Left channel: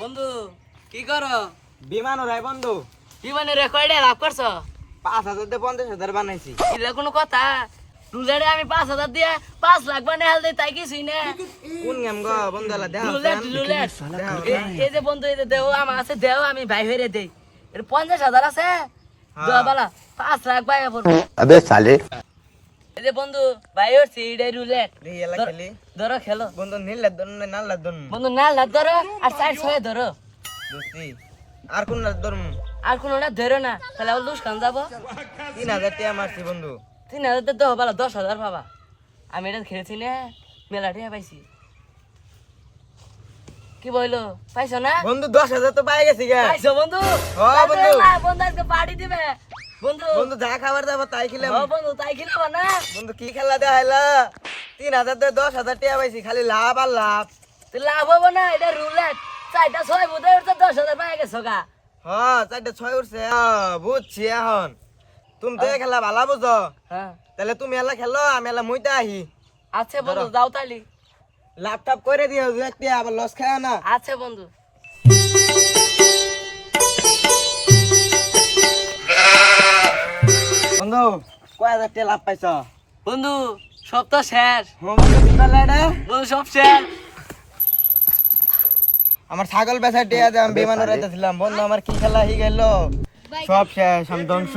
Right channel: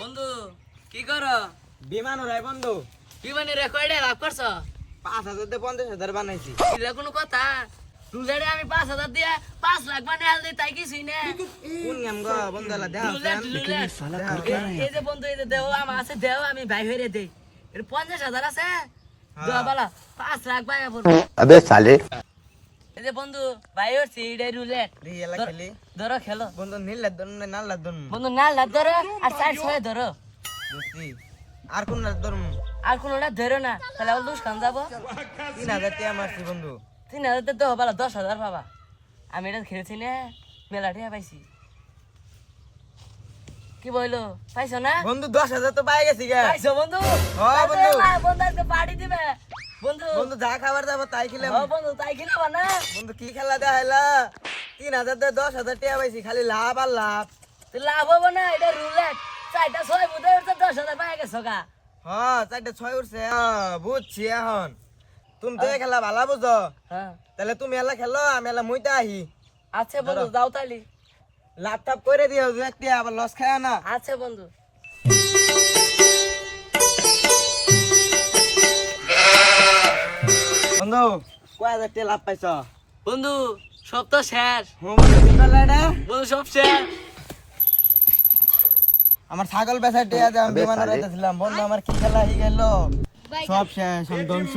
বন্ধু কি করো? বিমান ওরাই বন্ধু বিমানে রেকর্ডে লাভ করছো? 5,000 দিয়ে 50,000 বানাইছি। এটা কোনো কথা? রুলেটে আমি 5,000 দিয়ে 5 লাখ বানিয়ে হাল দেই, তাই কিছুই না। কোন গেম গো বন্ধুলা দেখ রুলেট এই যে বন্ধু, এই যে দেও আমার আছে, দেও আমি ভাই হইরে দেই। এটা 50,000 আছে, দেওয়া বালা 5 লাখ ভাই পড়বে। अबे साले এই যে বন্ধু ভাই হচ্ছে এটা রুলেট। দেখি এলা খেলি ধরো খেলো বন্ধু নীল ধরুন না লাল ধরুন বন্ধু, না লাগ ধরো আর সাইড ছয় ধরো, দোস্তি আর কোন লাল ধরুন আর কোনো না ধরো না, তাহলে আবার লুস খান যাবো। 3,000 টাকা মারছি বন্ধু 3,000 তো দেও বালা 10,000 পাবা। আমি এটা খেলছি না, মেলা টাকা পাইছি। কি বললো, পাইছো না? বন্ধু 10,000 তো পাই গেছি গা পাইছো বন্ধু? হ্যাঁ বন্ধু। বন্ধু আজকে পার্টি দিবে বন্ধু। বন্ধু যা খাবার দাবার তাই খেলাম হ্যাঁ বন্ধু, তাই খেলাবা না? বন্ধু কি খেলা দেখাইলা 3,000 দিয়ে 10,000 টাকা পাইছি খালি লাভ আর লাভ তো লাভ হবো না, এটা রুলেট। 4টা 6 বুধে উঠছে 10,000 পাই গেছো গা। হ্যাঁ 4টা 6 উঠছে বুঝছি এখন তুমি তো খেলা ভালো বুঝো হ্যাঁ তাহলে তুমি এলা খেলো আমি এলা মুইতে আহি আচ্ছা বন্ধু, যাও তালি। ল্যাপটপ করে দিও দেখতে আবার লস খায় না আচ্ছা বন্ধু। বন্ধু কয় হাজার টাকা লাভ পাইছ বন্ধু সব তো শেষ বন্ধু, সব শেষ। আমার ছাগল বেচার টাকা দিয়ে আমি বিমান উড়াইতেছিলাম বন্ধু আমার কি খেলা হয়ে গেল সব শেষ আমি ধ্বংস